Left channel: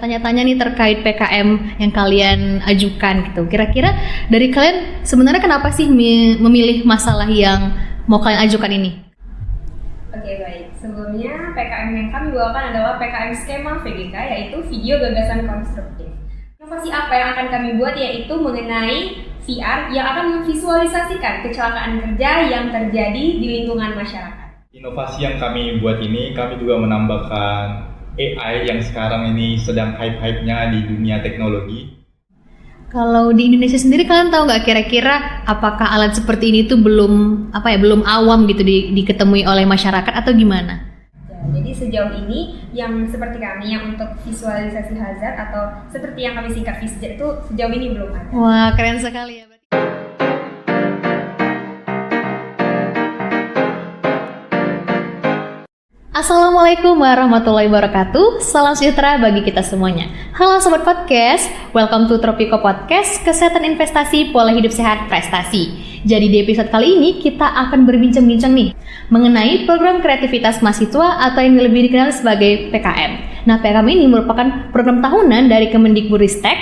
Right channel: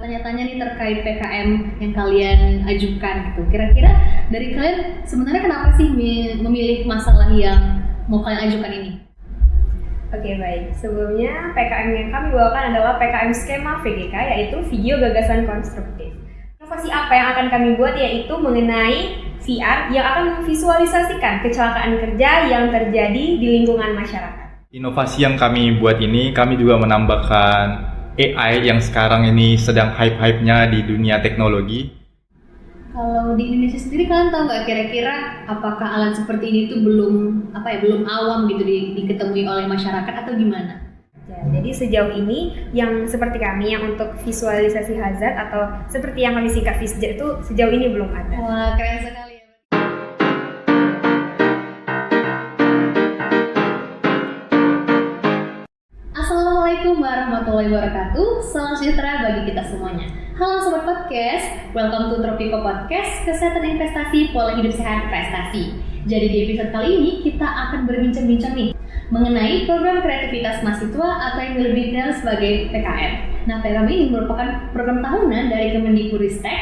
tanya-tanya nih terkait PKM yang kalian ajukan gitu. Kira-kira dari kalian sebenarnya kenapa sih memilih masalah yang mau kalian ajukan ini? Oke, baik. Sebelumnya PKM yang kami bawakan adalah PKM skema VGK, yaitu video gagasan konstruktif. Inovasi apa yang akan kami buat yaitu mengenai VR yang akan memvisualisasikan kecelakaan kerja yang terjadi di lingkungan masyarakat. Inovasi yang kami buat ini, kami juga menambahkan AI yang sekarang ini sedang hype-hype-nya di dunia teknologi. Kalau di Indonesia sendiri kalian tahu nggak kira-kira apakah alat seperti ini tuh belum awam gitu diketemui oleh masyarakat atau gimana? Jadi sejauh ini yang seperti kami yang untuk visualisasi hazard atau seperti yang kami singkat VISJAR itu sejauh ini belum ada. Wah, keren sekali ya. Assalamualaikum warahmatullahi wabarakatuh. Salam sejahtera bagi kita semuanya. Halo Sobat Podcast, welcome to Tropiko Podcast, Kesehatan Investasi Pola Hidup Sehat Prestasi. Jadi di episode kali ini kita akan berbincang-bincang nih mengenai program kreativitas mahasiswa atau yang lebih dikenal sebagai PKM. Nah, PKM ini merupakan program tahunan dari Kemendikbudristek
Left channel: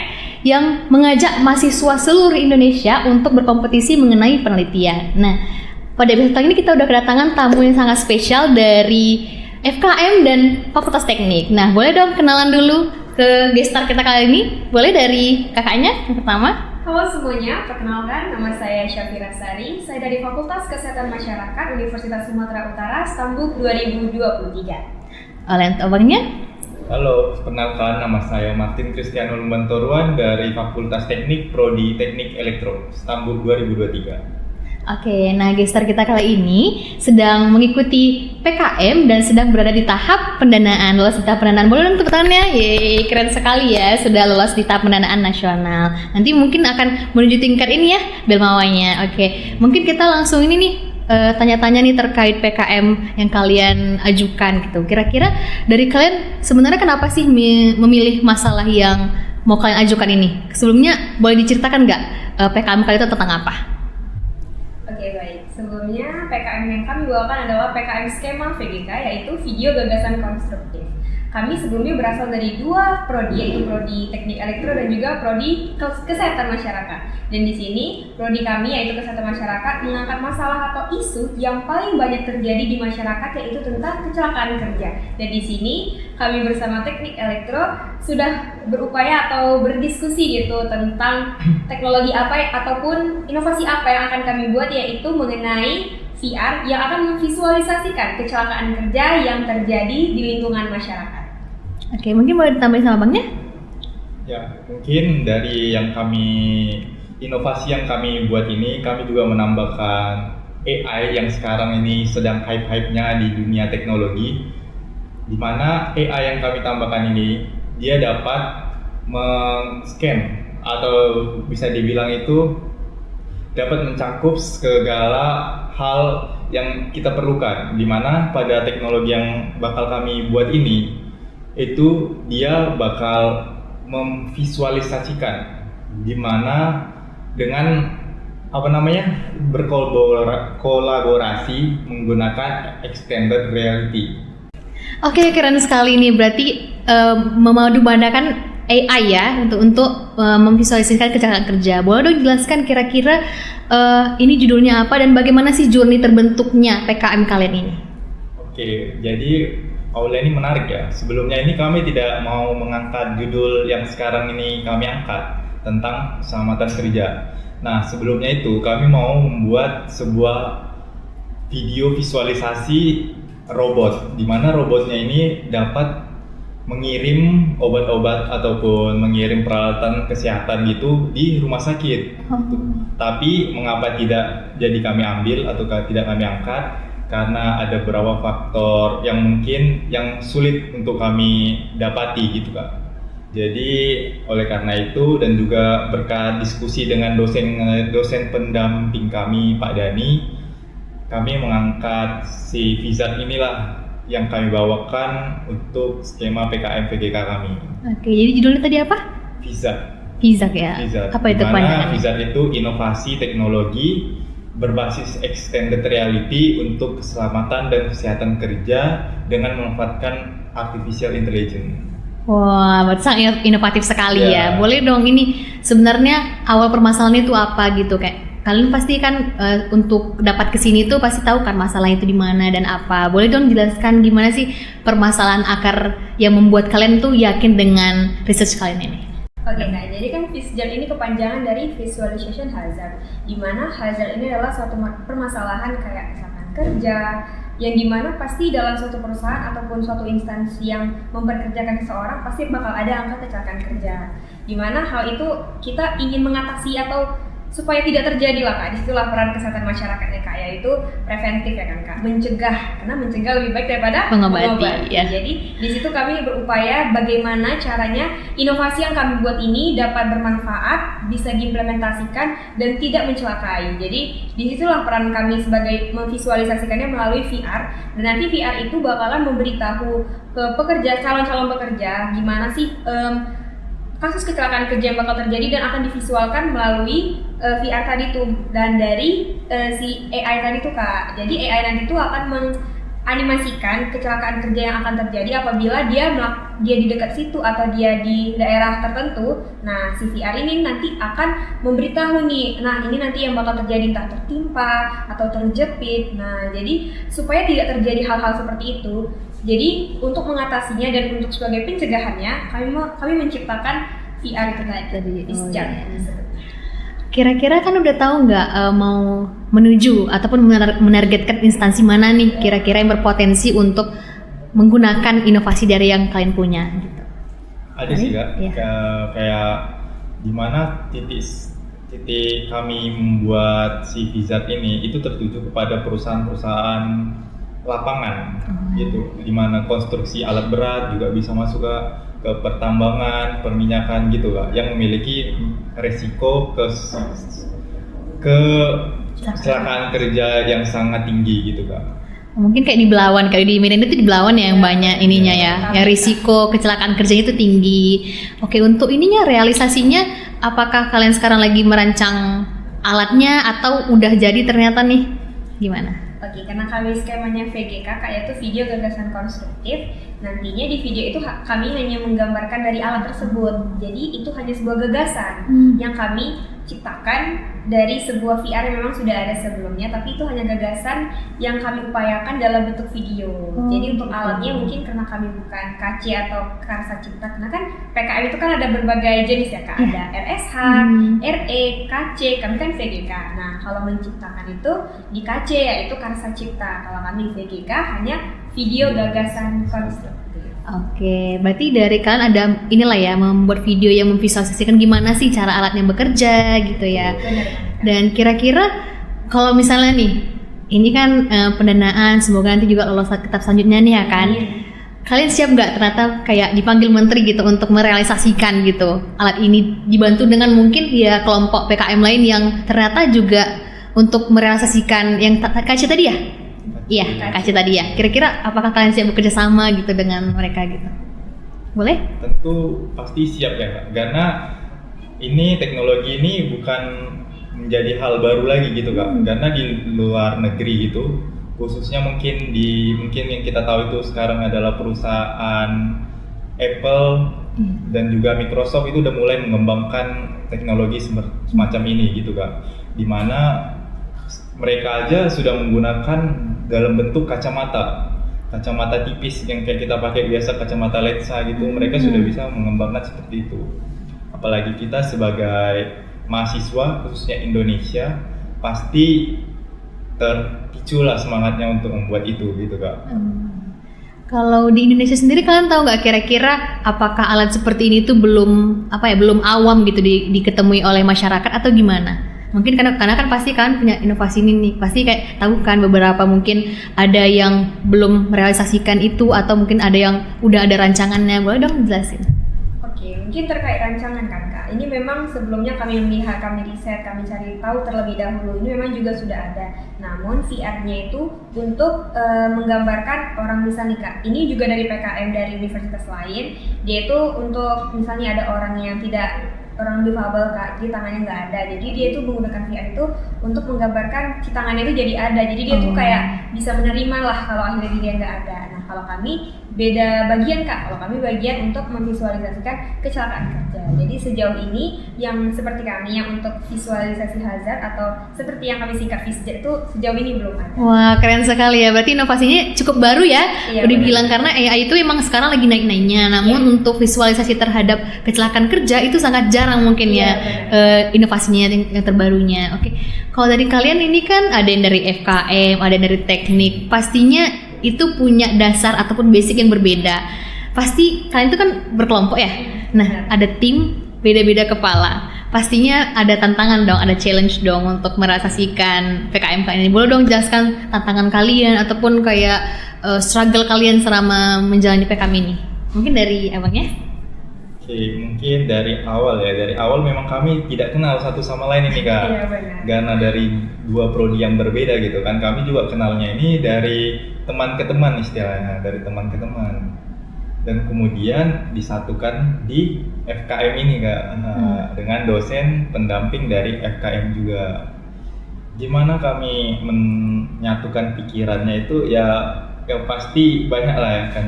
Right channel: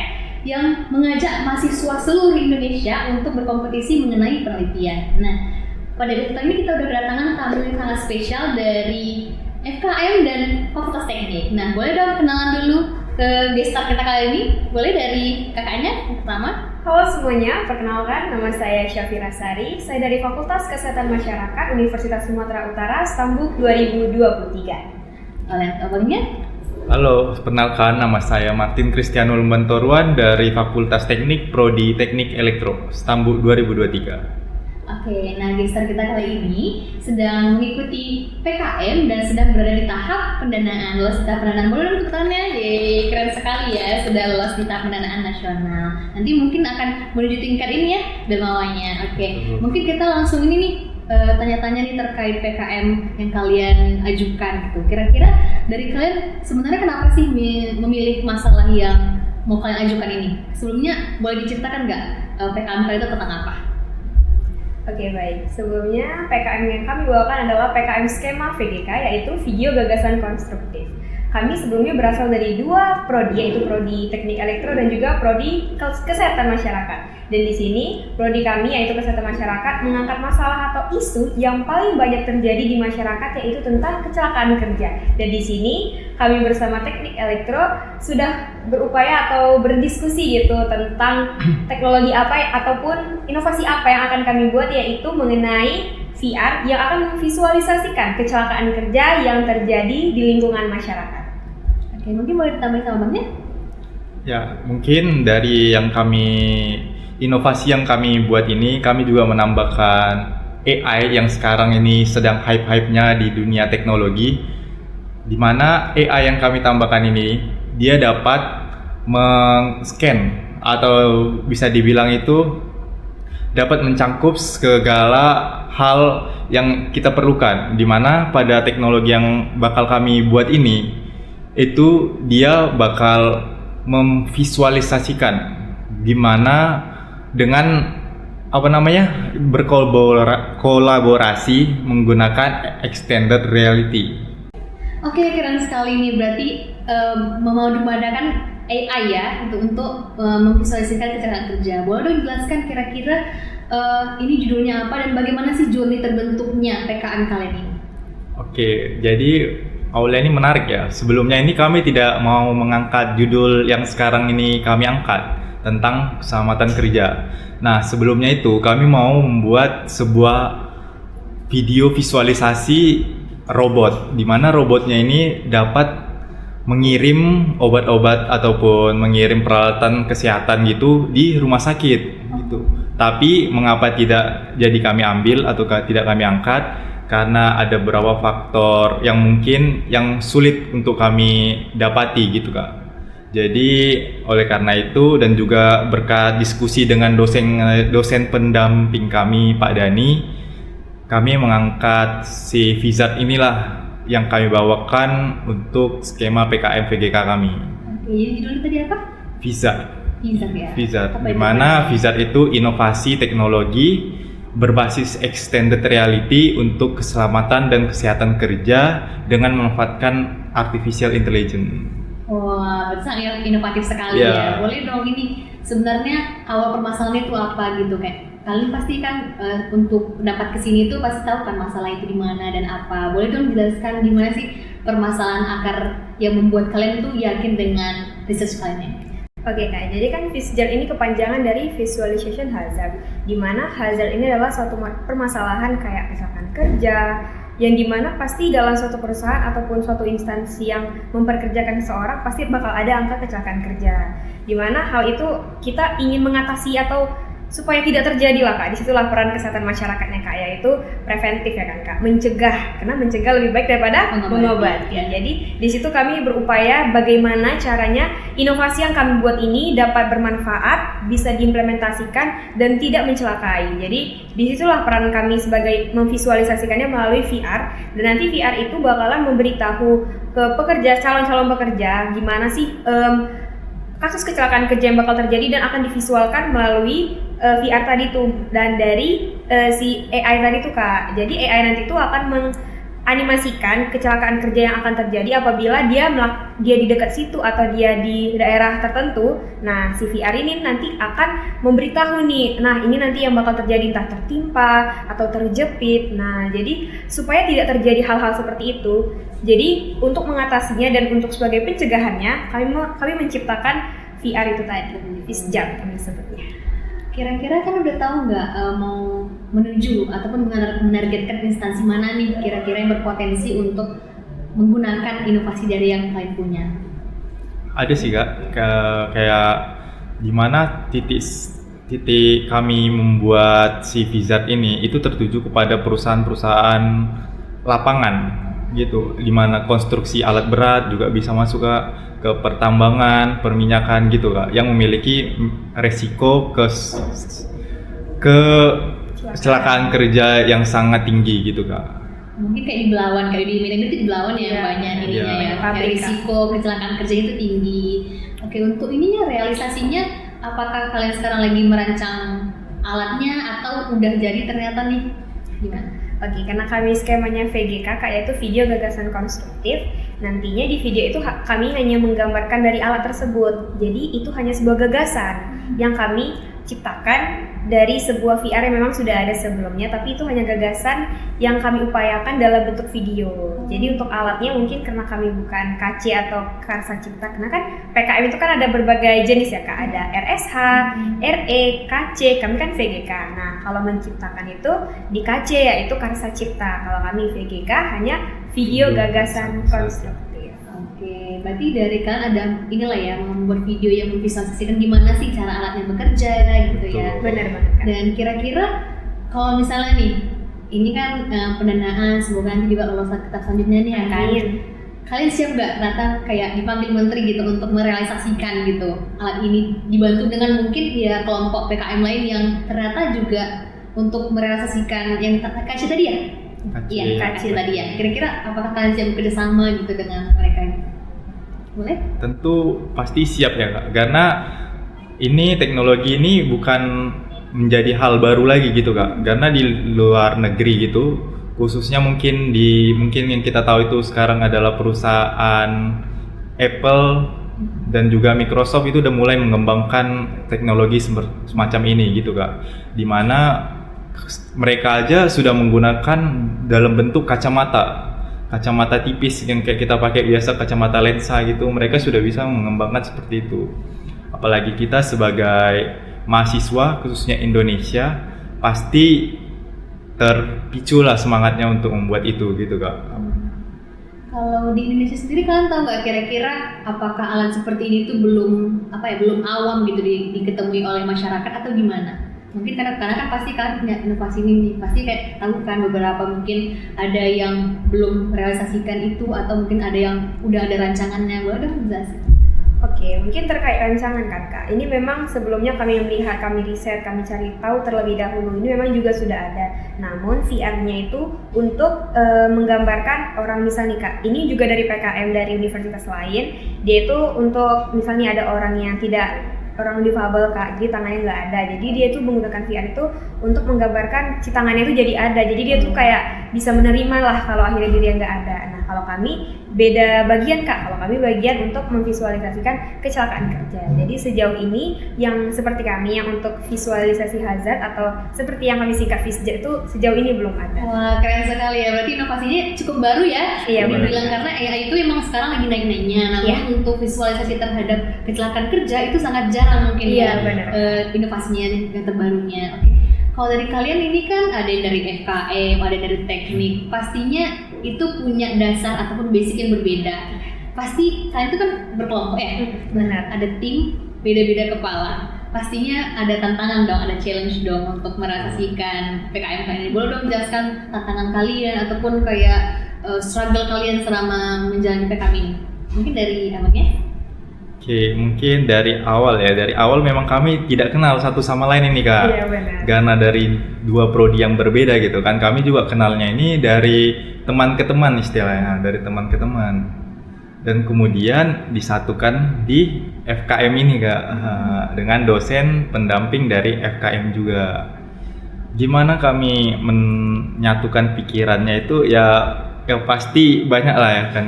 yang mengajak mahasiswa seluruh Indonesia untuk berkompetisi mengenai penelitian. Nah, pada episode kali ini kita udah kedatangan tamu yang sangat spesial dari FKM dan Fakultas Teknik. Nah, boleh dong kenalan dulu ke guest star kita kali ini. Boleh dari kakaknya yang pertama. Halo semuanya, perkenalkan nama saya Syafira Sari. Saya dari Fakultas Kesehatan Masyarakat Universitas Sumatera Utara, Stambuk 2023. Oleh abangnya. Halo, perkenalkan nama saya Martin Kristiano Lumbantoruan dari Fakultas Teknik Prodi Teknik Elektro, Stambuk 2023. Oke, nah gestar kita kali ini sedang mengikuti PKM dan sedang berada di tahap pendanaan. Lolos di tahap pendanaan, boleh dong tepuk tangannya? Yeay, keren sekali ya, sudah lolos di tahap pendanaan nasional. Nanti mungkin akan menuju tingkat ini ya, Belmawanya. Oke, mungkin kita langsung ini nih, tanya-tanya nih terkait PKM yang kalian ajukan gitu. Kira-kira dari kalian sebenarnya kenapa sih memilih masalah yang mau kalian ajukan ini? Sebelumnya boleh diceritakan nggak PKM kalian itu tentang apa? Oke, baik. Sebelumnya PKM yang kami bawakan adalah PKM skema VGK, yaitu video gagasan konstruktif. Kami sebelumnya berasal dari dua prodi, yaitu prodi Teknik Elektro dan juga prodi Kesehatan Masyarakat. Dan di sini prodi kami yaitu Kesehatan Masyarakat mengangkat masalah atau isu yang paling banyak terjadi di masyarakat, yaitu tentang kecelakaan kerja. Dan di sini kami bersama Teknik Elektro sudah berupaya atau berdiskusi gitu tentang teknologi apa ataupun inovasi apa yang akan kami buat, yaitu mengenai VR yang akan memvisualisasikan kecelakaan kerja yang terjadi di lingkungan masyarakat. Oke, mungkin boleh ditambahin sama abangnya? Ya, mungkin dari inovasi yang kami buat ini, kami juga menambahkan AI yang sekarang ini sedang hype-hype-nya di dunia teknologi, di mana AI yang kami tambahkan ini, dia dapat men-scan atau bisa dibilang itu dapat mencangkup segala hal yang kita perlukan, di mana pada teknologi yang bakal kami buat ini, itu dia bakal memvisualisasikan gimana dengan berkolaborasi menggunakan extended reality. Oke, keren sekali nih. Berarti memadupadankan AI ya untuk memvisualisasikan kecelakaan kerja. Boleh dong jelaskan kira-kira ini judulnya apa dan bagaimana sih journey terbentuknya PKM kalian ini? Oke, jadi awalnya ini menarik ya. Sebelumnya ini kami tidak mau mengangkat judul yang sekarang ini kami angkat tentang keselamatan kerja. Nah, sebelumnya itu kami mau membuat sebuah video visualisasi robot, di mana robotnya ini dapat mengirim obat-obat ataupun mengirim peralatan kesehatan gitu di rumah sakit gitu. Tapi mengapa tidak jadi kami ambil atau tidak kami angkat? Karena ada beberapa faktor yang mungkin yang sulit untuk kami dapati gitu Kak. Jadi oleh karena itu dan juga berkat diskusi dengan dosen pendamping kami Pak Dani, kami mengangkat si VISJAR inilah yang kami bawakan untuk skema PKM VGK kami. Oke, jadi judulnya tadi apa? VISJAR. VISJAR ya. VISJAR. Apa itu? Dimana VISJAR itu inovasi teknologi berbasis extended reality untuk keselamatan dan kesehatan kerja dengan memanfaatkan artificial intelligence. Wah, berarti sangat inovatif sekali Iya. ya. Boleh dong, ini sebenarnya awal permasalahan itu apa gitu, kayak kalian pasti kan untuk dapat kesini tuh pasti tahu kan masalah itu di mana dan apa. Boleh dong jelaskan gimana sih permasalahan akar yang membuat kalian tuh yakin dengan research kalian ini? Oke Kak, jadi kan VISJAR ini kepanjangan dari Visualization Hazard, di mana hazard ini adalah suatu permasalahan kayak kecelakaan kerja, yang dimana pasti dalam suatu perusahaan ataupun suatu instansi yang memperkerjakan seseorang pasti bakal ada angka kecelakaan kerja, dimana hal itu kita ingin mengatasi atau supaya tidak terjadi lah Kak. Disitulah peran kesehatan masyarakatnya Kak, yaitu preventif ya kan Kak, mencegah, karena mencegah lebih baik daripada mengobati. Ya. Jadi di situ kami berupaya bagaimana caranya inovasi yang kami buat ini dapat bermanfaat, bisa diimplementasikan dan tidak mencelakai. Jadi disitulah peran kami sebagai memvisualisasikannya melalui VR, dan nanti VR itu bakalan memberitahu ke pekerja, calon-calon pekerja gimana sih kasus kecelakaan kerja yang bakal terjadi dan akan divisualkan melalui VR tadi tuh, dan dari si AI tadi tuh Kak. Jadi AI nanti tuh akan menganimasikan kecelakaan kerja yang akan terjadi apabila dia di dekat situ atau dia di daerah tertentu. Nah, si VR ini nanti akan memberitahu nih, nah ini nanti yang bakal terjadi, entah tertimpa atau terjepit. Nah, jadi supaya tidak terjadi hal-hal seperti itu. Jadi untuk mengatasinya dan untuk sebagai pencegahannya, kami menciptakan VR itu tadi, VISJAR sebetulnya. Kira-kira kan udah tahu nggak mau menuju ataupun menargetkan instansi mana nih kira-kira yang berpotensi untuk menggunakan inovasi dari yang kalian punya? Gitu. Ada sih Kak, kayak gimana titik kami membuat si VISJAR ini itu tertuju kepada perusahaan-perusahaan lapangan gitu, dimana konstruksi alat berat juga bisa masuk ke pertambangan, perminyakan gitu Kak, yang memiliki resiko ke kecelakaan kerja yang sangat tinggi gitu Kak. Mungkin kayak di Belawan, kayak di Medan itu di Belawan ya yang banyak ininya ya, yang risiko kecelakaan kerja itu tinggi. Oke, untuk ininya realisasinya, apakah kalian sekarang lagi merancang alatnya atau udah jadi ternyata nih? Gimana? Oke, karena kami skemanya VGK Kak, yaitu video gagasan konstruktif. Nantinya di video itu kami hanya menggambarkan dari alat tersebut. Jadi itu hanya sebuah gagasan yang kami ciptakan dari sebuah VR yang memang sudah ada sebelumnya, tapi itu hanya gagasan yang kami upayakan dalam bentuk video. Jadi untuk alatnya mungkin karena kami bukan KC atau Karsa Cipta, karena kan PKM itu kan ada berbagai jenis ya Kak, ada RSH, RE, KC, kami kan VGK. Nah, kalau menciptakan itu di KC yaitu Karsa Cipta, kalau kami VGK hanya video gagasan konstruktif. Oke, berarti dari kalian ada inilah ya, membuat video yang memvisualisasikan gimana sih cara alatnya bekerja gitu ya. Benar banget. Dan kira-kira kalau misalnya nih, ini kan pendanaan, semoga nanti juga lolos ke tahap selanjutnya nih ya kan. Kalian siap nggak ternyata kayak dipanggil menteri gitu untuk merealisasikan gitu alat ini, dibantu dengan mungkin ya kelompok PKM lain yang ternyata juga untuk merealisasikan yang kasih tadi ya? Iya, kasih tadi ya. Kira-kira apakah kalian siap bekerja sama gitu dengan mereka gitu? Boleh? Tentu pasti siap ya Kak, karena ini teknologi ini bukan menjadi hal baru lagi gitu Kak. Karena di luar negeri gitu, khususnya mungkin yang kita tahu itu sekarang adalah perusahaan Apple dan juga Microsoft itu udah mulai mengembangkan teknologi semacam ini gitu Kak. Dimana mereka aja sudah menggunakan dalam bentuk kacamata tipis yang kayak kita pakai biasa, kacamata lensa gitu. Mereka sudah bisa mengembangkan seperti itu. Apalagi kita sebagai mahasiswa khususnya Indonesia pasti terpicu lah semangatnya untuk membuat itu gitu Kak. Kalau di Indonesia sendiri kalian tahu nggak kira-kira apakah alat seperti ini tuh belum awam gitu diketemui oleh masyarakat atau gimana? Mungkin karena kan pasti kan punya inovasi ini nih, pasti kayak tahu kan beberapa mungkin ada yang belum merealisasikan itu atau mungkin ada yang udah ada rancangannya. Boleh dong jelasin? Oke, mungkin terkait rancangan kan Kak. Ini memang sebelumnya kami melihat, kami riset, kami cari tahu terlebih dahulu. Ini memang juga sudah ada. Namun VR-nya itu untuk menggambarkan orang misalnya Kak. Ini juga dari PKM dari universitas lain. Dia itu untuk misalnya ada orang yang orang difabel Kak, jadi tangannya nggak ada. Jadi dia tuh menggunakan VR itu untuk menggambarkan si tangannya itu jadi ada. Jadi dia tuh kayak bisa menerima lah kalau akhirnya dia nggak ada. Nah kalau kami beda bagian Kak. Kalau kami bagian untuk memvisualisasikan kecelakaan kerja. Jadi sejauh ini yang seperti kami yang untuk visualisasi hazard atau seperti yang kami singkat VisJet itu sejauh ini belum ada. Wah, keren sekali ya. Berarti inovasinya cukup baru ya. Iya, Udah benar. bilang karena AI itu emang sekarang lagi naik-naiknya. Namun untuk visualisasi terhadap kecelakaan kerja itu sangat jarang mungkin Iya, ya benar. inovasinya yang terbarunya. Oke. Kalau dari kalian ini kan ada yang dari FKM, ada yang dari teknik. Pastinya itu punya dasar ataupun basic yang berbeda. Pasti kalian itu kan berkelompok ya. Nah, ada tim beda-beda kepala. Pastinya ada tantangan dong, ada challenge dong untuk merealisasikan PKM kalian ini. Boleh dong jelaskan tantangan kalian ataupun kayak struggle kalian selama menjalani PKM ini. Mungkin dari abangnya? Oke, mungkin dari awal ya. Dari awal memang kami tidak kenal satu sama lain ini Kak. Iya, benar. Karena dari dua prodi yang berbeda gitu kan. Kami juga kenalnya ini dari teman ke teman istilahnya, dari teman ke teman. Dan kemudian disatukan di FKM ini Kak, dengan dosen pendamping dari FKM juga. Gimana kami menyatukan pikirannya itu ya pasti banyak lah ya kan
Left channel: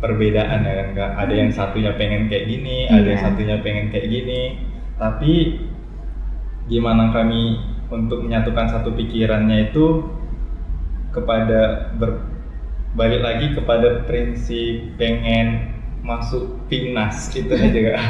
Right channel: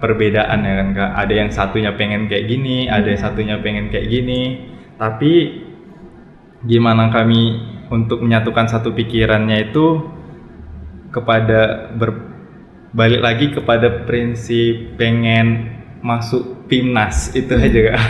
perbedaan ya kan Kak. Ada yang satunya pengen kayak gini, ada yang satunya pengen kayak gini. Tapi gimana kami untuk menyatukan satu pikirannya itu kepada balik lagi kepada prinsip pengen masuk PIMNAS itu aja Kak.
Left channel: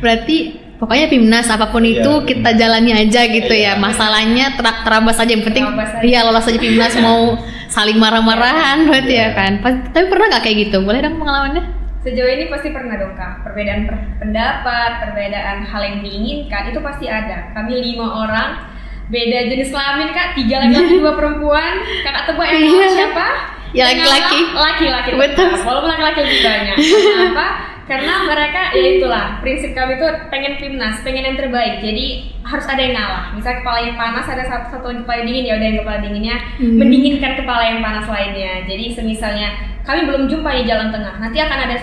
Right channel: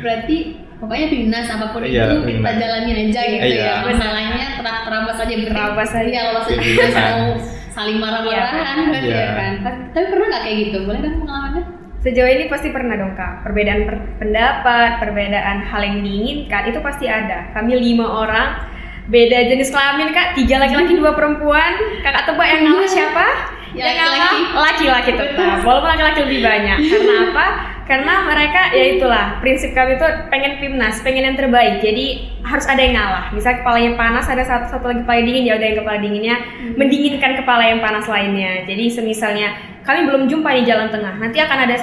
Berarti pokoknya PIMNAS apapun Iya, itu kita PIMNAS. jalani aja gitu Iya. ya. Masalahnya terabas aja, yang penting Terabas aja. dia lolos aja PIMNAS, mau saling marah-marahan berarti Iya. ya kan. Tapi pernah nggak kayak gitu? Boleh dong pengalamannya? Sejauh ini pasti pernah dong Kak. Perbedaan pendapat, perbedaan hal yang diinginkan itu pasti ada. Kami 5 orang, beda jenis kelamin Kak, 3 laki-laki 2 perempuan. Kakak tebak yang ngalah siapa? Ya, Yang laki-laki. ngalah laki-laki Betul. tetap. Walaupun laki-laki lebih banyak. Karena apa? Karena mereka ya itulah prinsip kami tuh pengen PIMNAS, pengen yang terbaik. Jadi harus ada yang ngalah. Misalnya kepalanya panas, ada satu lagi kepala dingin, ya udah yang kepala dinginnya mendinginkan kepala yang panas lainnya. Jadi semisalnya kami belum jumpa di jalan tengah, nanti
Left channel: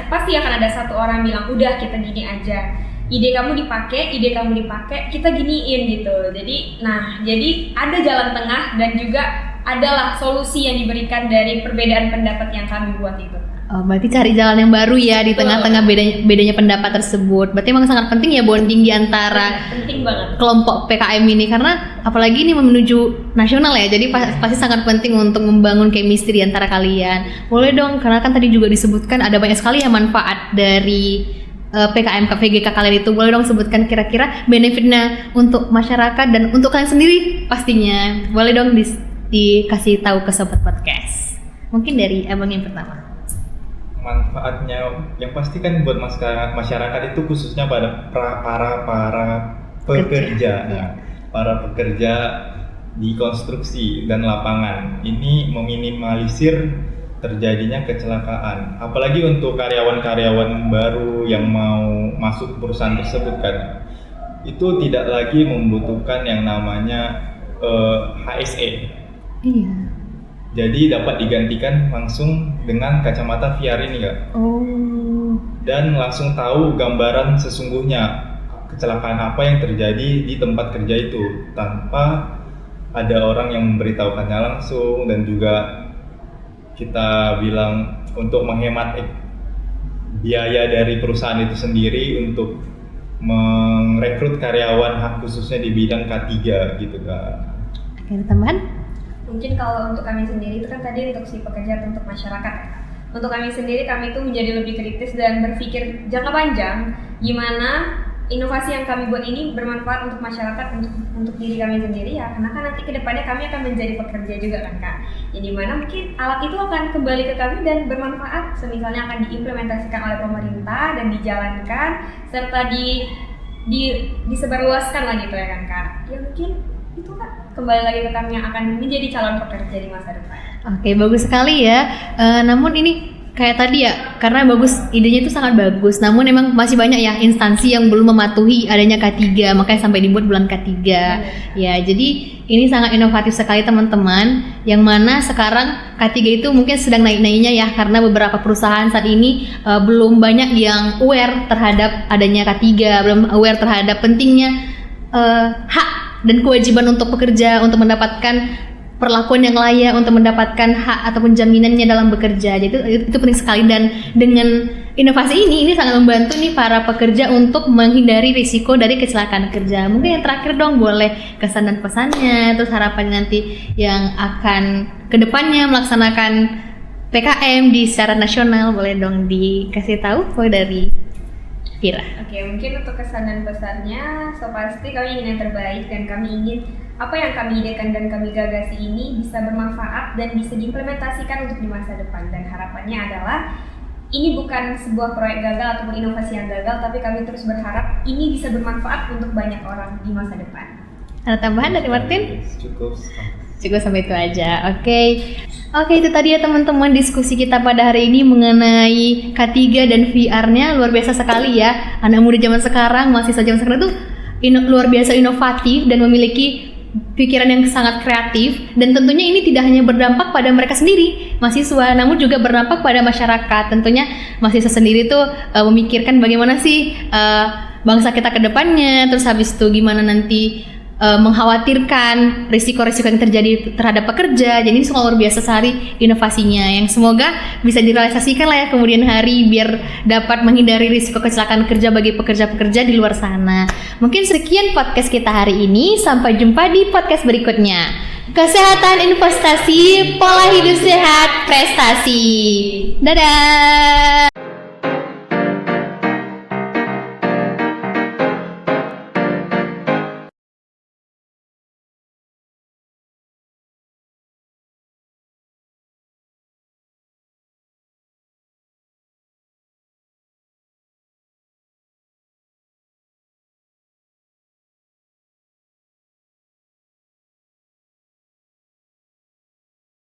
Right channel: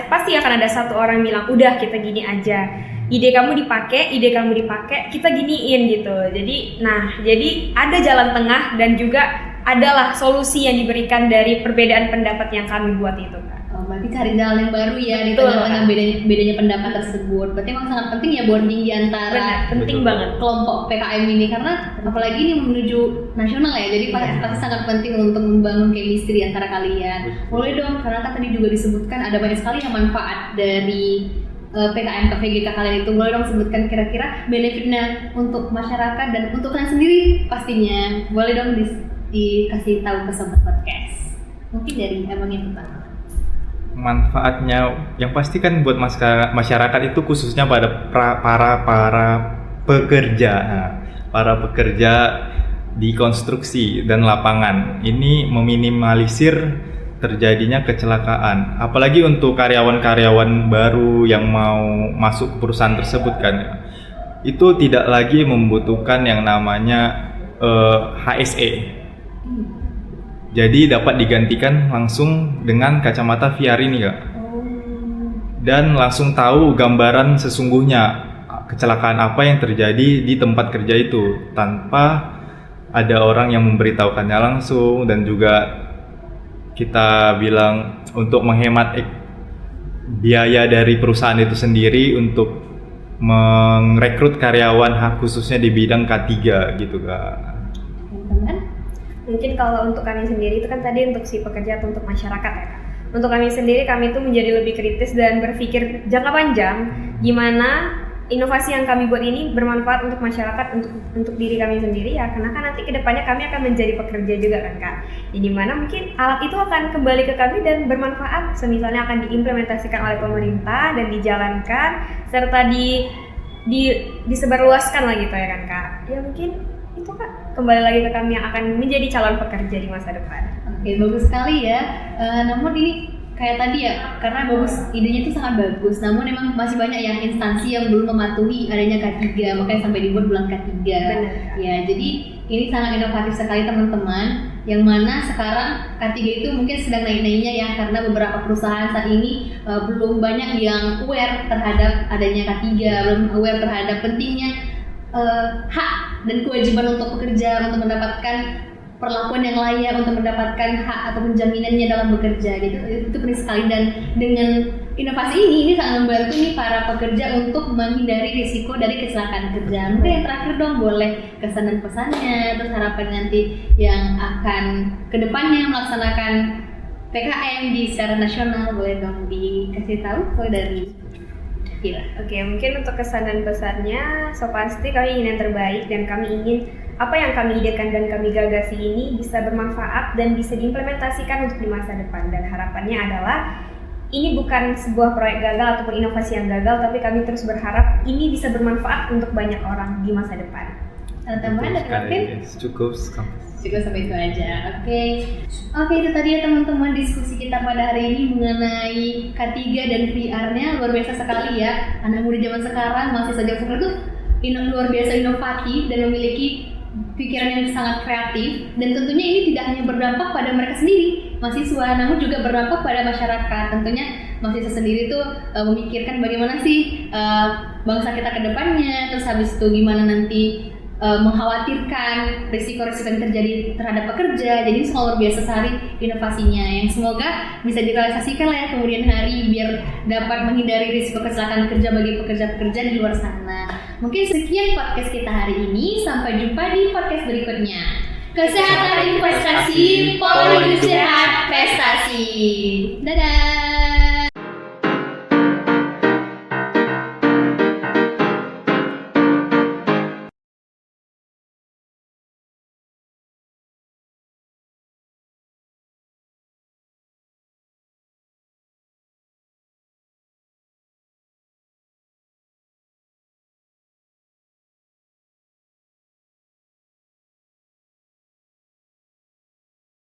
pasti akan ada satu orang bilang udah kita gini aja. Ide kamu dipakai, kita giniin gitu. Jadi ada jalan tengah dan juga adalah solusi yang diberikan dari perbedaan pendapat yang kami buat itu. Oh, berarti cari jalan yang baru ya di Betul. tengah-tengah bedanya pendapat tersebut. Berarti emang sangat penting ya bonding di antara Penting banget. kelompok PKM ini, karena apalagi ini menuju nasional ya, jadi pasti sangat penting untuk membangun chemistry di antara kalian. Boleh dong, karena kan tadi juga disebutkan ada banyak sekali ya manfaat dari PKM VGK kalian itu. Boleh dong sebutkan kira-kira benefitnya untuk masyarakat dan untuk kalian sendiri pastinya. Boleh dong dikasih tahu ke Sobat Podcast. Mungkin dari abang yang pertama. Manfaatnya yang pasti kan buat masyarakat itu khususnya pada para pekerja. Nah, para pekerja di konstruksi dan lapangan ini meminimalisir terjadinya kecelakaan, apalagi untuk karyawan-karyawan baru yang mau masuk perusahaan tersebut kan, itu tidak lagi membutuhkan yang namanya HSE. Iya. Jadi dapat digantikan langsung dengan kacamata VR ini Kak. Oh. Dan langsung tahu gambaran sesungguhnya kecelakaan apa yang terjadi di tempat kerja itu tanpa ada orang yang memberitahukannya langsung. Dan juga kita bilang untuk menghemat biaya dari perusahaan itu sendiri untuk merekrut karyawan khususnya di bidang K3 gitu Kak. Ada tambahan? Mungkin kalau untuk kami sendiri itu kan tadi untuk si pekerja atau untuk masyarakat ya. Untuk kami sendiri, kami itu menjadi lebih kritis dan berpikir jangka panjang gimana inovasi yang kami buat ini bermanfaat untuk masyarakat, untuk diri kami sendiri ya, karena kan nanti kedepannya kami akan menjadi pekerja juga kan Kak. Yang dimana mungkin alat itu akan kembali ke kami dan bermanfaat, semisalnya akan diimplementasikan oleh pemerintah dan dijalankan serta disebarluaskan lah gitu ya kan Kak. Ya mungkin itu Kak, kembali lagi ke kami yang akan menjadi calon pekerja di masa depan. Oke, bagus sekali ya. Namun ini kayak tadi ya, karena bagus, idenya itu sangat bagus. Namun emang masih banyak ya instansi yang belum mematuhi adanya K3, makanya sampai dibuat bulan K3. Benar. Ya, jadi ini sangat inovatif sekali teman-teman. Yang mana sekarang K3 itu mungkin sedang naik-naiknya ya, karena beberapa perusahaan saat ini belum banyak yang aware terhadap adanya K3, belum aware terhadap pentingnya hak dan kewajiban untuk pekerja untuk mendapatkan perlakuan yang layak untuk mendapatkan hak ataupun jaminannya dalam bekerja. Jadi itu penting sekali, dan dengan inovasi ini sangat membantu nih para pekerja untuk menghindari risiko dari kecelakaan kerja. Mungkin yang terakhir dong, boleh kesan dan pesannya, terus harapan nanti yang akan kedepannya melaksanakan PKM di secara nasional, boleh dong dikasih tahu dari Vira. Oke, mungkin untuk kesan dan pesannya, so pasti kami ingin yang terbaik dan kami ingin apa yang kami idekan dan kami gagasi ini bisa bermanfaat dan bisa diimplementasikan untuk di masa depan. Dan harapannya adalah ini bukan sebuah proyek gagal ataupun inovasi yang gagal, tapi kami terus berharap ini bisa bermanfaat untuk banyak orang di masa depan. Ada tambahan dari Martin? Cukup Sampai itu aja. Oke, itu tadi ya teman-teman diskusi kita pada hari ini mengenai K3 dan VR-nya. Luar biasa sekali ya. Anak muda zaman sekarang, mahasiswa zaman sekarang itu luar biasa inovatif dan memiliki pikiran yang sangat kreatif, dan tentunya ini tidak hanya berdampak pada mereka sendiri, mahasiswa, namun juga berdampak pada masyarakat. Tentunya mahasiswa sendiri tuh memikirkan bagaimana sih bangsa kita ke depannya, terus habis itu gimana nanti mengkhawatirkan risiko-risiko yang terjadi terhadap pekerja. Jadi ini semua luar biasa sekali inovasinya, yang semoga bisa direalisasikan lah ya kemudian hari, biar dapat menghindari risiko kecelakaan kerja bagi pekerja-pekerja di luar sana. Mungkin sekian podcast kita hari ini, sampai jumpa di podcast berikutnya. Kesehatan investasi, pola hidup sehat, prestasi. Dadah.